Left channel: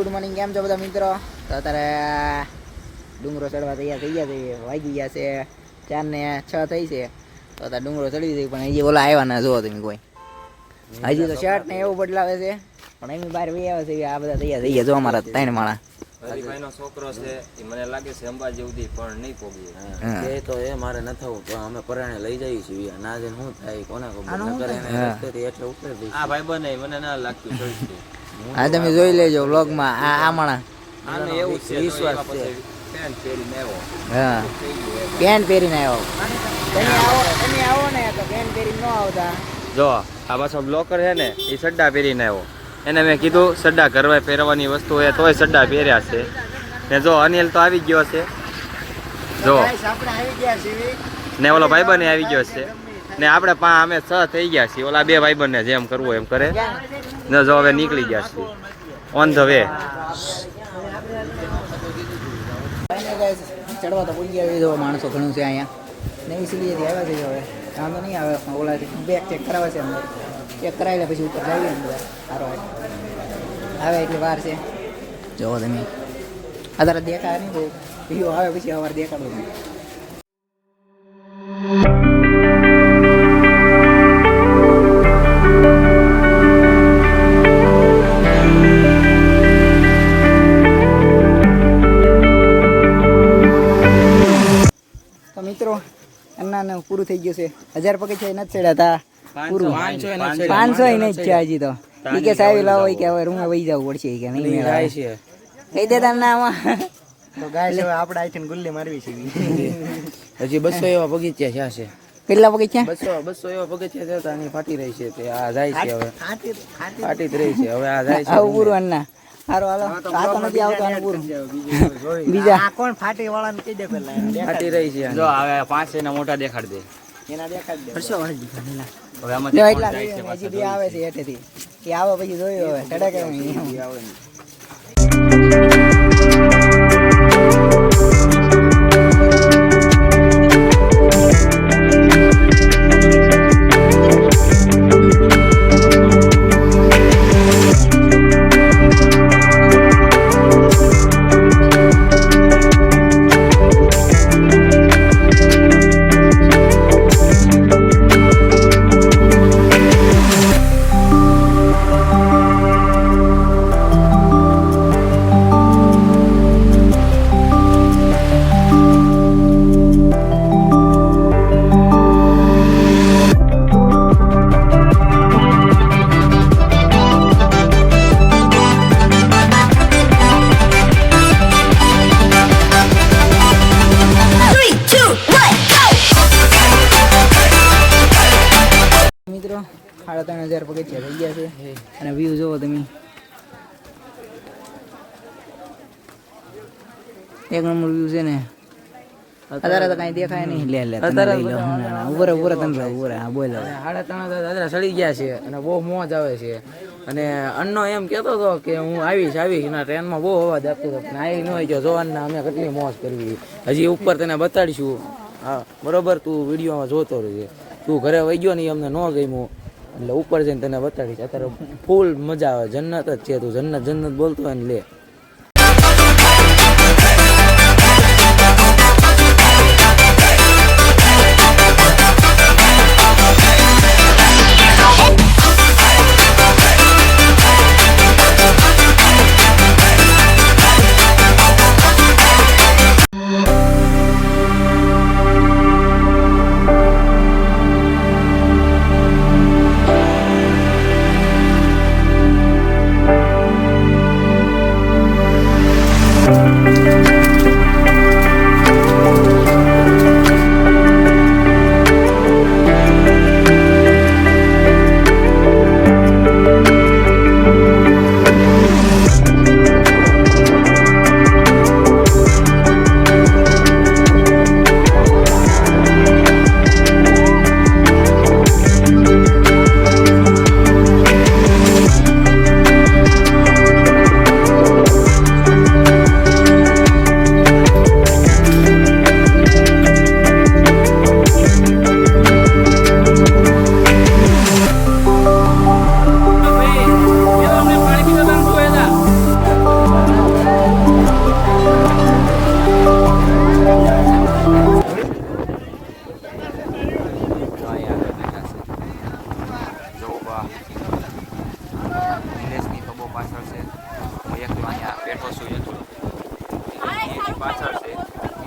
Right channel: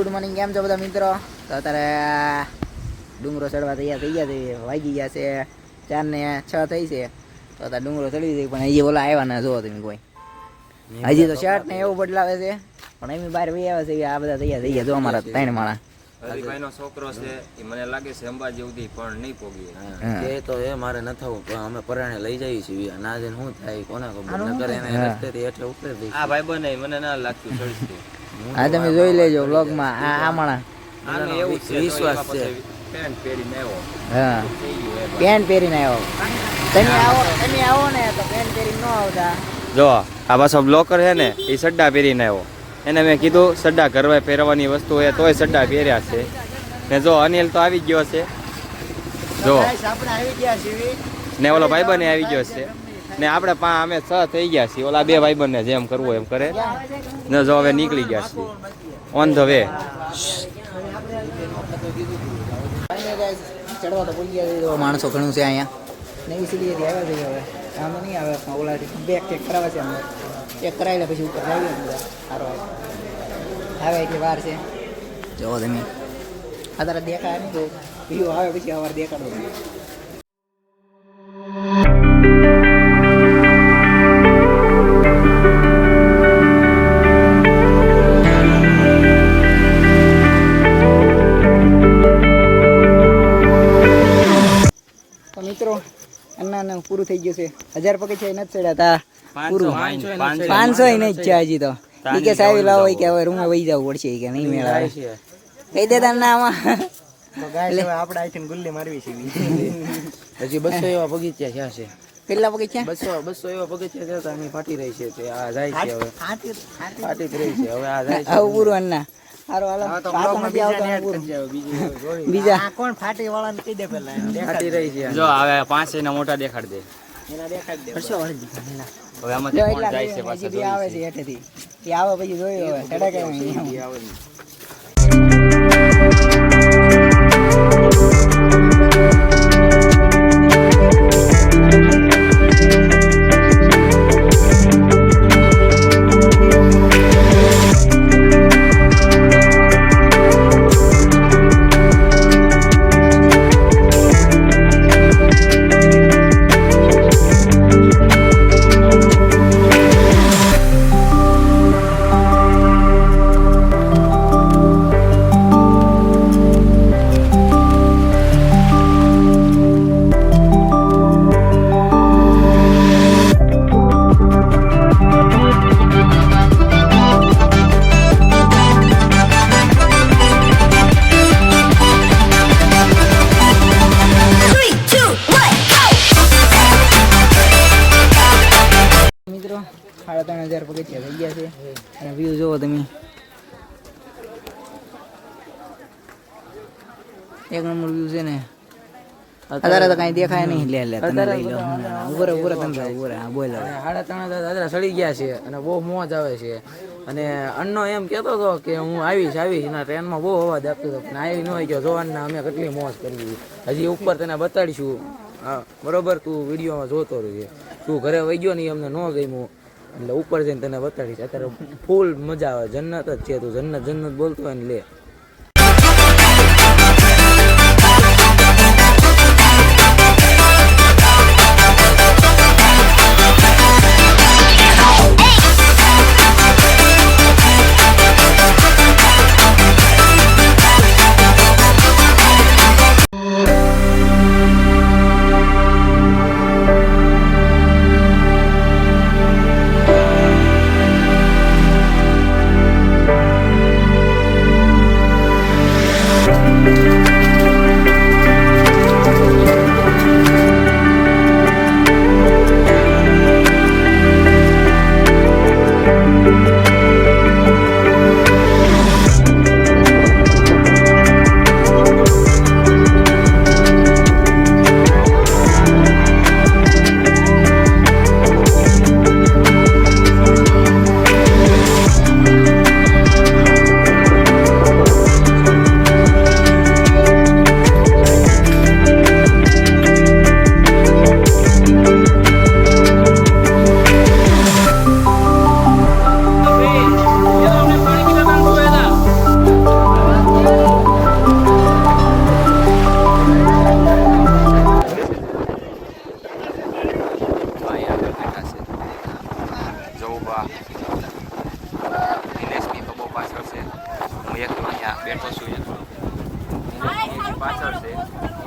Good morning, કેમ છો બધા મિત્રો? તો અત્યારે ડુંગરો ચડવા તૈયાર થઈ ગયા છે. વાગી ગયા છે 4 ને 6 થઈ છે. તો અત્યારે ડુંગરો ચડી જાય, પણ હજી ઓલા આવ્યા ના, જોવો તમે કોઈ. હજી તો શર્ટ ને એવું બદલાવે છે, પણ એમ બહાર વહી આવે છે. આ બધા તૈયાર થઈ ગયા, જો અમારા 3 માણા. હરિભાઈ નો છોકરો છે, એ મને લાગે છે અંબાજી સુધી પણ નહીં પોગીએ. એ તો એ મારે ન થવું, પણ અમે પરાણે લઈ જઈએ છીએ. ના જઈને શું થાય કોને ખબર, નકર એને રસ્તેથી એટલે ઉતરી દઈશું. આ ભાઈ બને મને ના લાગતું ચડશે. હા, તમે જોઈ લેજો વ્લોગમાં. આ માણા આને એવું છે, વિશ્વાસ છે. પેન્ટ પહેરીને આવ્યો. હા, પેન્ટ પહેરીને આવ્યો. તમે આવો ને તો પેન્ટ પહેરીને ન આવતા. જો આ પાછો બ્લોકર છે ને, એ સડ્ડા પહેરીને આવ્યો. એને મેં કીધું સડ્ડા ઘરમાં પહેરવાની વસ્તુ હોય તોય સડ્ડા પહેર્યા છે. ને જો અનિલ તો આવી ગયો છે, જો આપણે આવી ગયા છીએ. ને ઓલો ભાઈબંધ આવી ગયો છે. ને આપણે અમે 6 થઈ ગયા છીએ. ઓલા 2 ભાઈબંધ ને જેમ કરવું એમ કરે ને. જો હવે નીકળી ગયા છીએ ઓન ધ વે. ચડવા તો ભૂલી ગયા. જો માણસો ઘણું છે અહીંયા. નવી સીડીએથી આવ્યા છે. હવે વાંધો નહીં આવે. ઓલા બેગ ચેક કરાવે છે અંદર. ચેક કરાવી લે પછી ઉપર જઈએ અંદર. સારો આવે એટલી વાર છે. જોવો તમે અત્યારે દેખાય નહીં બહુ. વિડીયો આવે પછી સવારે દેખાડો. તો મિત્રો અન્ના પૂરું થઈ ગયું છે. 1000 પગથિયા નથી ચડ્યા તા. પૂરું 500 નહીં છે હજી તો. ઈ કે સાહેબ લાવો કે હવે રૂમે વહી જવું પડશે કે નહીં મેળાવે છે. કહી દેતા ના આમાં તો ગાય છે. આપણે આઈથી ગુલ્લી મારવી છે. હજી 200 એવા બગીચા થયા છે. કેટલા પગથિયા? 200 એવા બગીચા થયા. આની ફાટી રહી છે. તે આ જાય છે હવે ફાટી જ રહી છે. હવે આ જાય છે. આવું પૂરું અન્ના. હારો હાલો. આ તો નથી આવતો આનું પૂરું. બીજા આ કોણ ફાટી વાળાને કહી દે પેલા. ફાટી રહી છે. જો હવે 5 ને મોટા દેખાડ દે. એના દેખાડ દે. હવે આમાંથી કોણ એટલા જાય છે હજી બે આવે છે હેઠેથી. એ આવે પછી જોયું હવે ચડે કે નહીં. મિત્રો 3,500 પગથિયા થઈ ગયા છે. અને વ્યૂ જોવો તમે, એક નંબર વ્યૂ છે ને. અત્યારે તો કઈ દેખાય નહીં. લે ઉભરે તમે ઉભરે. હા બોલ. 3,500 સડી ગયા છે અને બહુ મોજ આવે છે. અને અન્નો એમ કહેતો હતો કે હું આવીશ એના ટ્રેનમાં બહુ અવાજ આપતો હતો, પણ આવી ન હોય ગયો. જોવાના અમે કેટલી મોજ કરવી. હજી ઉપર તને બતાડીશું. હા બરોબર, તું વિડીયોમાં જોતો રહેજે. તું ઘરે વહી ગયો ને અમને ન ગમ્યું એટલે ઉપર જઈને તને બતાડીશ. અત્યારે ફૂલ મજા આવે. જન્નત જ છે. તું જન્નત બોલતો હોય ને લે.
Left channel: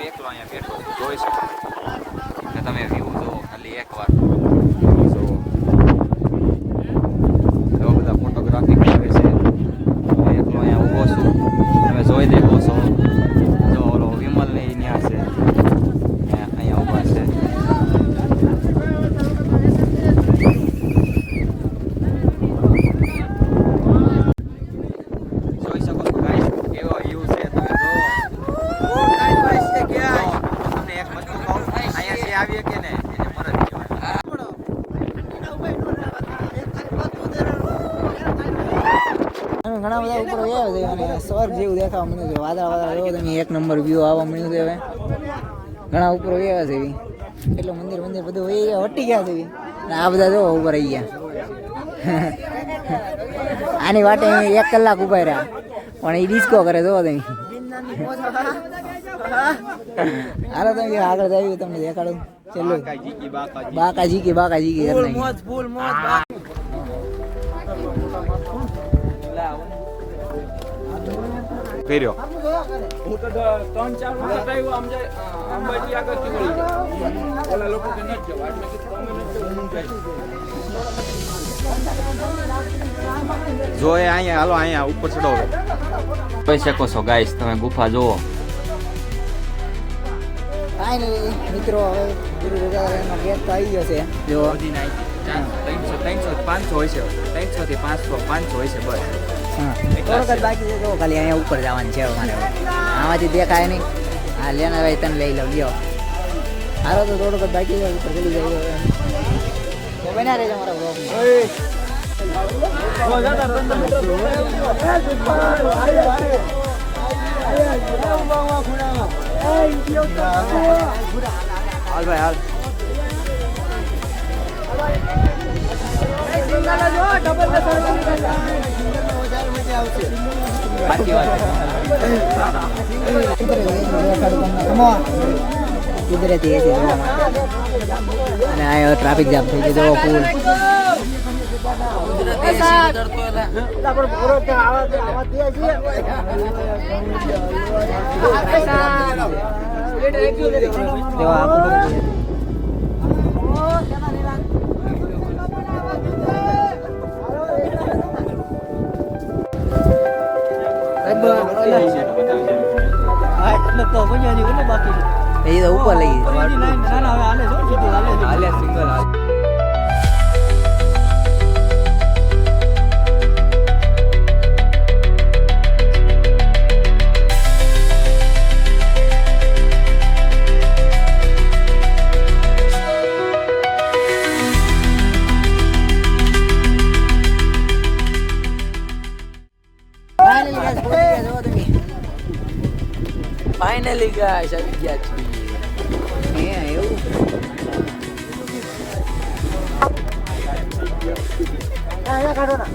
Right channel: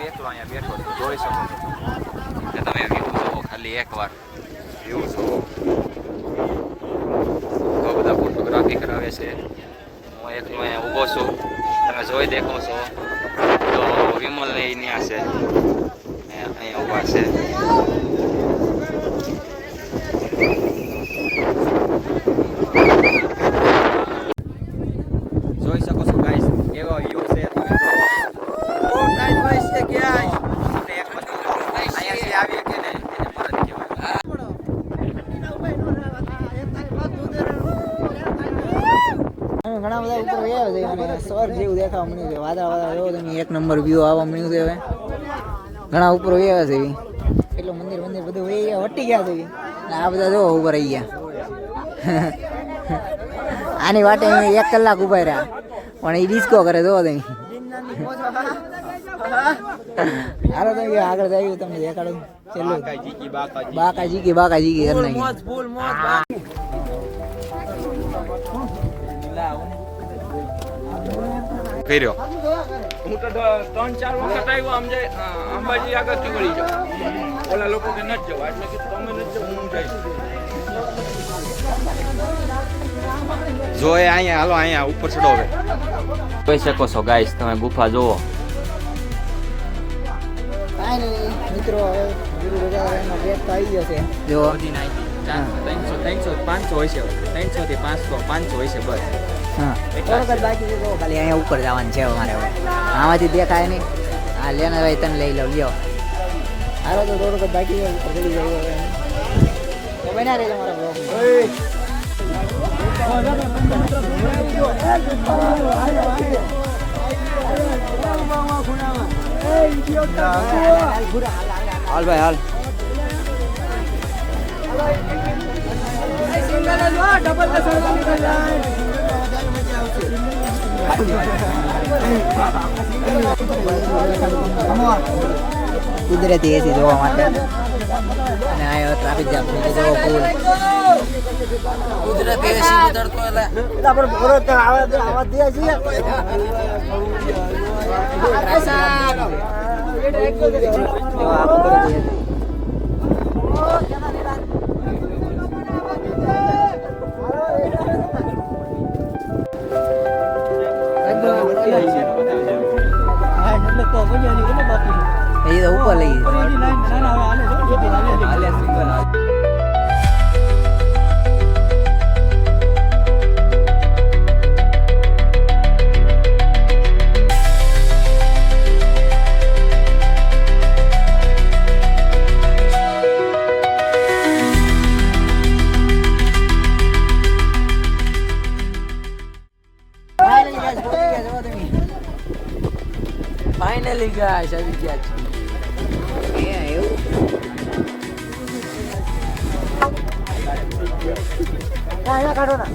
હું એકલો અહીંયા બેઠો છું, જોઈ શકો છો ને તમે વ્યૂ જોવો ખાલી એકવાર વ્યૂ જોવો. એવા બધા ફોટોગ્રાફી કરાવે છે. હું એકલો અહીંયા ઊભો છું, તમે જોઈ દેખો છો તો વિમલ ને ત્યાં છે, અહીંયા ઊભા છે. જોઈ શકો છો ગાઈસ કેવો વ્યૂ છે, તમે જોવો. ઓ ગાઈસ બસ છે ગાઈસ અને એક વસ્તુ કહું, અહીંયાથી આવીએ કે ને એને મદદ કહેવાય. ઘણા બધા ઉપર આવ્યા છે અને સ્વર્ગ જેવું દેખાવા મળ્યું છે. વાદળા વાદળા જોવો તમે, એક નંબર વ્યૂ આવવા મળ્યું છે. હવે ઘણા ઉપર આવ્યા છે, એટલું મંદિર બધું વહી ગયા, વટી ગયા છે અને આ બધા જો ઉપર આવી ગયા. આની વાટે 1 કલાક ઉભા રહ્યા પણ એ ડિસ્કો કરે જોવો તમે. હાલો તમે આગળ આવ્યું તમને દેખાડું છેલ્લું બાકાજી કી કર્યો. હું તો 3-4 વખત આવ્યો આમ જાય અંબાજી આગળથી વળી જાઉં. ઓલા લોકો કે નથી જવું, આજ મેં કીધું તમે નથી જવું, હું જઈશ. જો એ અહીંયા હાલો અહીંયા ઉપર ચડો. હવે જોઈ શકો છો ગાઈસ તમે ગુફા જોવો. ફાઇનલી મિત્રો હવે ગુરુ રજાનો ગેટ તો આવી ગયો છે. જો 300 500 હોય છે, 300 થી 500 હોય છે બસ. હા થોડોક જ બાકી છે. તો ખાલી અહીંયા ઉપર જવાનું છે અમારે. હવે આમાંથી દેખાય નહીં. હા લેના ભાઈ તને લઈ લો, લ્યો. હારો તો થોડોક જ બાકી છે, ઉપર ચડી જાય. હવે તો બન્યા રહેજો મારા બ્લોગમાં. હાલ ભાઈ હાલ. કુદરતી એસી જોવા માટે અને આ ટ્રાફિક જામ થઈ ગયો. જોવો પુલ કુદરતી એસી ઉતરતો એ તો ઉપર લઈ ફાઇનલી ગાઈસ આવી ગયા છીએ. એવું કાઢો ના.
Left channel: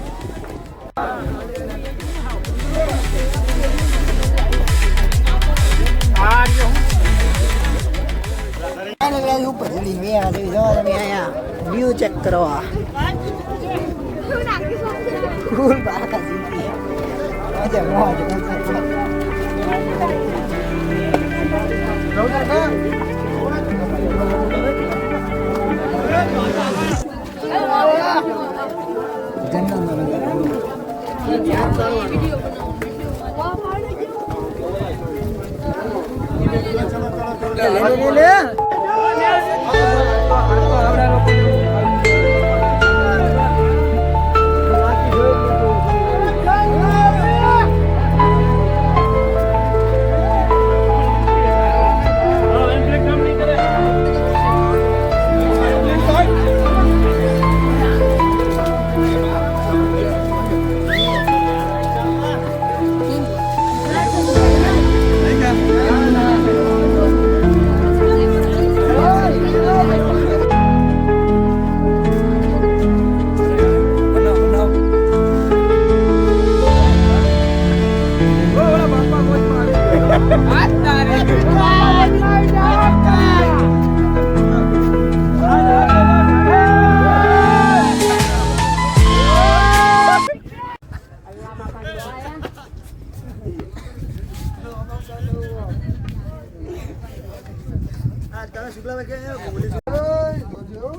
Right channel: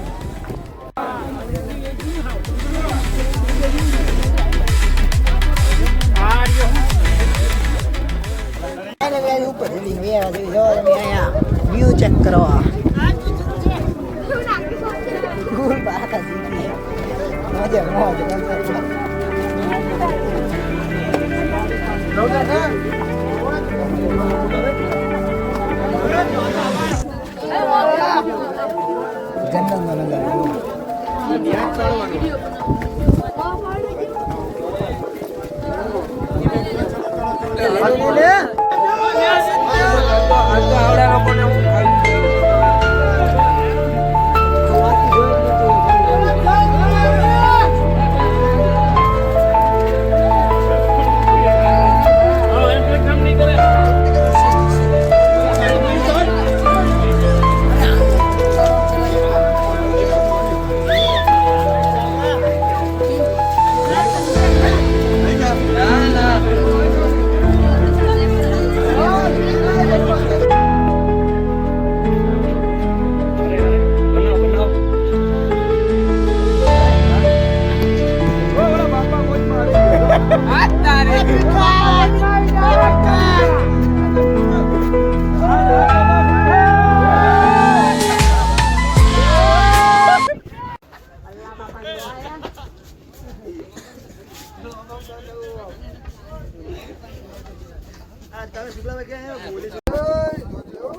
ઉપર જલ્દી વેરા જેવી જવા તમે અહીંયા વ્યૂ ચેક કરવા. ફૂલ બાકા જીતી મજા મોજ. જંગલમાં નજારો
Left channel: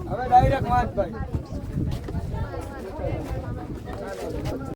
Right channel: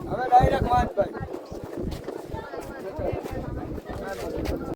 હવે ડાયરેક્ટ માનભાઈ